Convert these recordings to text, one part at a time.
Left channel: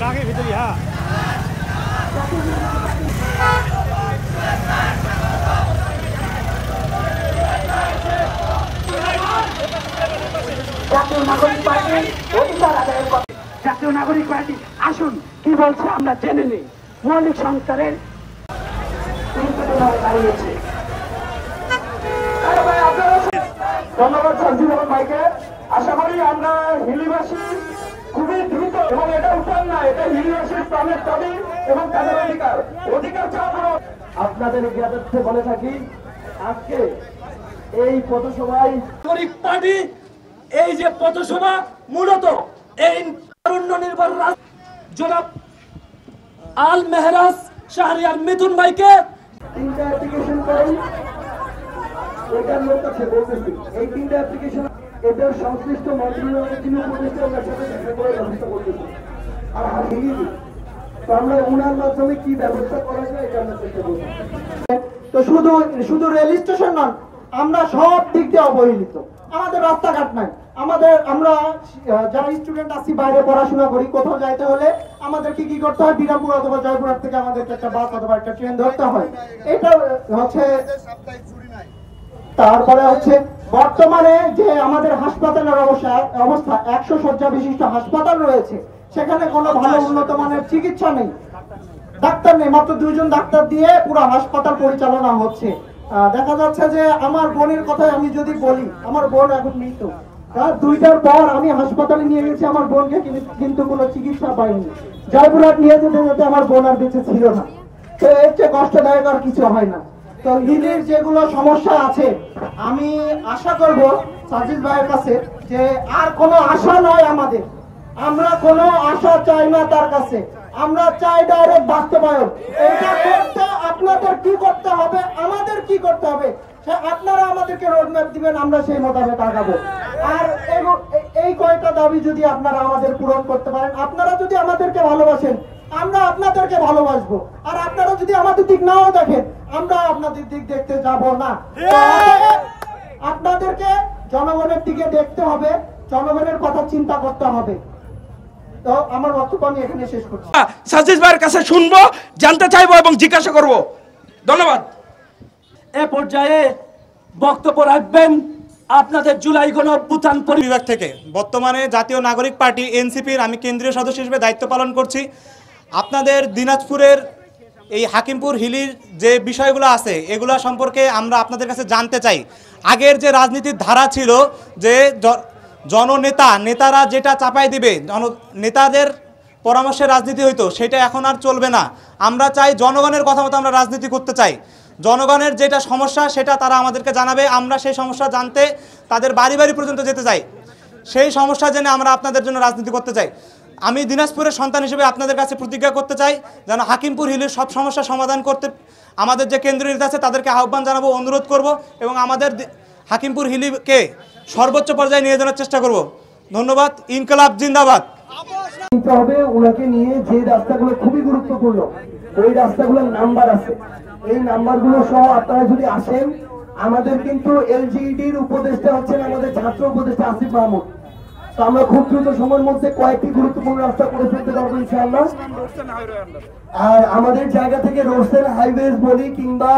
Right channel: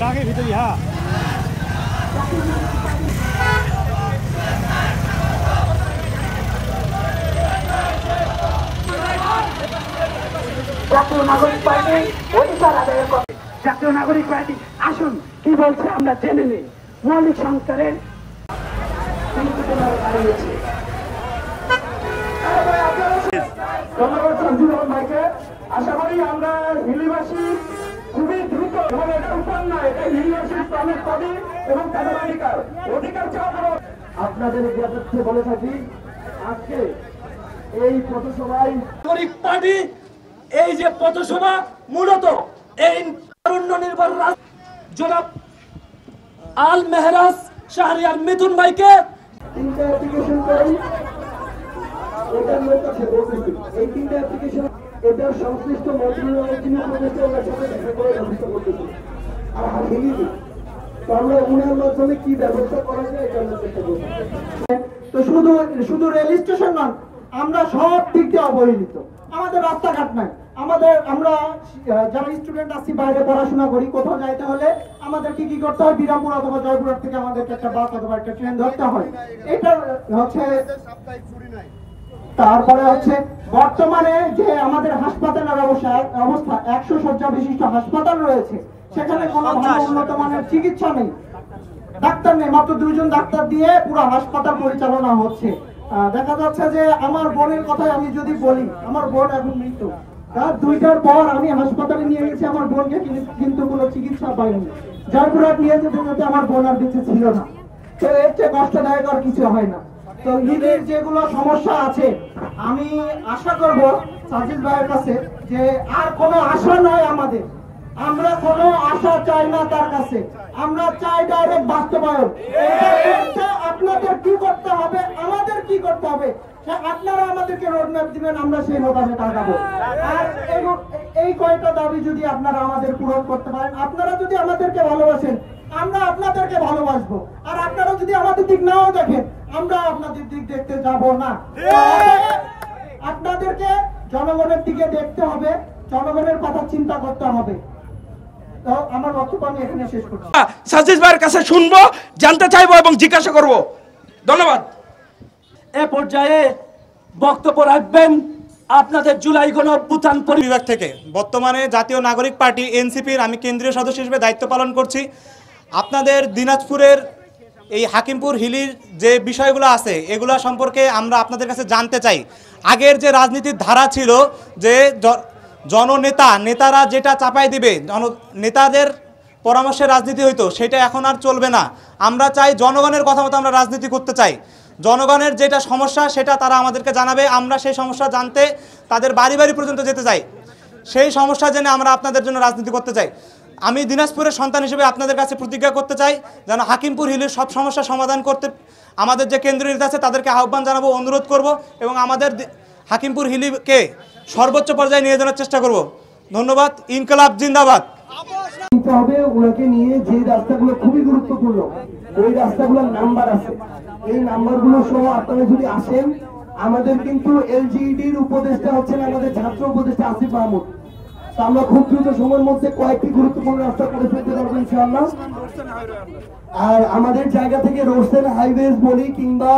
টাঙের ভিতরে হ্যাঁ জাতীয় নাগরিক পার্টি অধিকার আদায়ের কথা। জাতীয় নাগরিক পার্টি আসুন কি বলছে আমরা জেনে নিই। মৌলিক সংস্কারের দাঁড়িয়েছে। ধন্যবাদ সঞ্জীব ভাইকে। আশা করি আমরা হিলিবাসী খুবই দ্রুত, এবং এটা উত্তর না, এটা হিলিবাসীর প্রাণের দাবি এবং তাদের অধিকার চাওয়া। আপনাদের জ্ঞাতার্থে বলে থাকি, আজকে এই পথসভায় নাগরিক পার্টি এই যে পথসভা মূলত এই তারুণ্য নির্ভর জনাব আল মেহরাজ শাহরিয়ার মিথুন ভাইকে তিনটা অ্যাপ্লিকেশন করেন। এটার লোক আছে বলতেছি, এই তিনটা অ্যাপ্লিকেশন এদের সংশ্লিষ্ট মন্ত্রণালয়ের যিনি উপদেষ্টা ওনার সাথে দেখা করে ব্যবস্থা করতেছি। আর হারিয়ে তো আমরা ওনার মাধ্যমে কি ব্যবস্থা করা যায় এটা আমরা চেষ্টা করবো। তো শুধু রেল স্টেশন নন, আমরা সব দিক দিয়ে অবহেলিত। আমাদের রাস্তাঘাট নাই, আমরা যারা স্টুডেন্ট আছি বাইরে পড়াশোনা করি, কোথাও যাইতে হলে আমাদেরকে কি করতে হয়, বিরামপুর অথবা জয়পুরহাট থেকে আমাদেরকে একটা বাস অথবা একটা ট্রেন ধরতে হয়। এটা হচ্ছে। তারপরে হচ্ছে বর্তমানে যে আমাদের হাসপাতালের অবস্থা 100 শয্যা বিশিষ্ট হাসপাতাল রয়েছে, সেখানে কোনো ভালো উন্নত মানের চিকিৎসা নেই, ডাক্তার নেই, মাত্র 2 জন ডাক্তার দিয়ে পুরো হাসপাতাল পরিচালনা হচ্ছে। দেখা যাচ্ছে যে আমার বোনের কথাই আমি যদি বলি, আমার বোন এখন মৃত, 2টার পর আমি হাসপাতালে নিয়ে গেছি আমার বোনকে, কিন্তু কোনো চিকিৎসা পাইনি। জয়পুরহাট নিয়ে যেতে যেতে আমার বোন আর বেঁচে ছিল না। তো এর চেয়ে কষ্টদায়ক আর কিছু হয় না। তো হিলির যেগুলো সমস্যা আছে, আমি আশা করব সাজিদ ভাইয়ের কাছে যে আর কোনো আশা নয় আমাদের, আমরা কোনো আশা চাই না তার কাছে, আমরা চাই ডাইরেক্ট বাস্তবায়ন। এটা করতে আপনাদের কি করতে হবে, আমাদের কি করতে হবে, আপনারা আমাদেরকে রোডম্যাপ দিবেন, আমরা সেই মোতাবেক আগাবো। আর এই কয়টা দাবি যদি আপনারা আমাদের পূরণ করতে পারেন, আপনারা যদি আমাদেরকে ভালোবাসেন, আমরা আপনাদেরকে ভালোবাসবো। আর আপনারা যদি আমাদের দিক নাও দেখেন, আমরা আপনাদের দিক দেখতে যাব না। আপনাদেরকে জনগণের দিকে দেখতে হবে, জনগণের কথা চিন্তা করতে হবে। তো আমার বক্তব্য আমি এখানে শেষ করছি। সাজিদ ভাইয়ের কাছে শুনবো, জানতে চাইবো এবং জিজ্ঞাসা করব। ধন্যবাদ। এ পর্যায়ে বক্তব্য রাখবেন আপনাদের জুলাই গণঅভ্যুত্থান বিভাগ থেকে বর্তমানে জাতীয় নাগরিক পার্টি এনসিপির আমি কেন্দ্রীয় সদস্য হিসেবে দায়িত্ব পালন করছি। আপনাদের দিনাজপুরের এই হাকিমপুর হিলির যে বিষয়গুলো আছে এগুলো সম্পর্কে আমরা আপনাদের কাছে জানতে চাই। আগের যে রাজনীতির ধারা ছিল যে নেতারা যেটা চাপাই দিবে, নেতাদের পরামর্শে রাজনীতি হইতো, সেটা এখন আর চলবে না। আমরা চাই জনগণের কথা মতো আমরা রাজনীতি করতে চাই। জনগণের যেটা সমস্যা সেটা তারা আমাদেরকে জানাবে, আমরা সেই সমস্যা জানতে তাদের বাড়ি বাড়ি পর্যন্ত যেতে চাই, সেই সমস্যা জেনে আমরা আপনাদের জন্য রাজনীতি করতে চাই। আমি দিনাজপুরের সন্তান হিসেবে আপনাদের কাছে প্রতিজ্ঞা করতে চাই যেন হাকিমপুর হিলের সব সমস্যা সমাধান করতে আমাদের যে কেন্দ্রীয় নেতা আছে তাদেরকে আহ্বান জানাবো, অনুরোধ করব এবং আমাদের হাকিমপুর হিলিকে সর্বোচ্চ পর্যায়ে নিয়ে যাওয়ার চেষ্টা করব। ধন্যবাদ। ইনকলাব জিন্দাবাদ। হবে ওনাকে নিয়ে যে রাস্তাগুলো খুবই গুরুত্বপূর্ণ, ওই রাস্তাগুলোর নাম্বার আছে, এই নাম্বারগুলো সহ আপনারা যদি আসেন, আমাদের কিন্তু এলজিইডির উপদেষ্টা হচ্ছেন আমাদের ছাত্র উপদেষ্টা আসিফ মাহমুদ। তো আমরা খুব দ্রুত সময়ের মধ্যে কয়েকটি গুরুত্বপূর্ণ রাস্তা করে ফেলতে পারবো ইনশাআল্লাহ। আর আমাদের জায়গা থেকে রোডসের হাইওয়েজ বলি কিংবা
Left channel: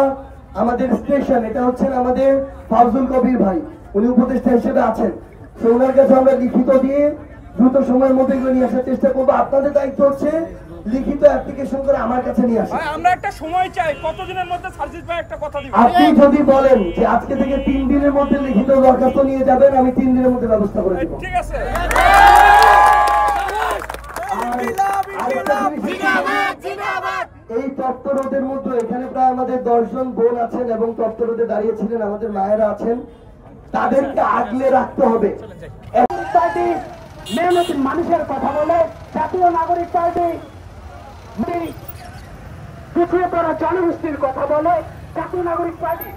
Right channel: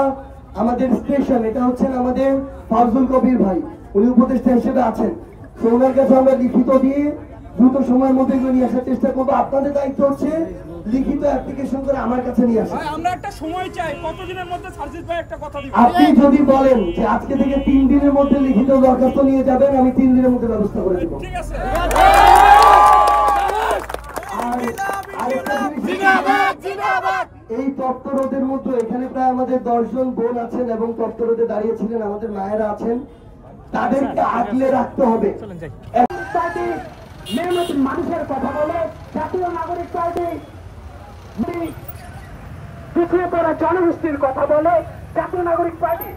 আমাদের স্টেশন, এটা হচ্ছেন আমাদের ফাউজুল কবির ভাই, উনি উপদেষ্টা হিসেবে আছেন। তো ওনার কাছে আমরা লিখিত দিয়ে দ্রুত সময়ের মধ্যে এগুলো নিয়ে আসার চেষ্টা করবো। আপনাদের দায়িত্ব হচ্ছে লিখিত অ্যাপ্লিকেশন করে আমার কাছে নিয়ে আসেন। আমরা একটা সময় চাই, কতদিনের মধ্যে সার্জিস ভাই একটা কথা দিবেন। আপনি যদি বলেন যে আজকে থেকে 3 দিনের মধ্যে লিখিত দরখাস্ত নিয়ে যাবেন, আমি 3 দিনের মধ্যে ব্যবস্থা করে দেব। ঠিক আছে। এই তপ্ত রোদের মধ্যে এখানে প্রায় আমাদের 10 জন বোন আছেন এবং তপ্ত রোদে দাঁড়িয়েছিলেন, আমাদের মায়েরা আছেন, তাদেরকে আগলে রাখতে হবে। মানুষের কথা বলে জাতীয় নাগরিক পার্টি পিছিয়ে পড়া জনগোষ্ঠীর কথা বলে জাতীয় নাগরিক পার্টি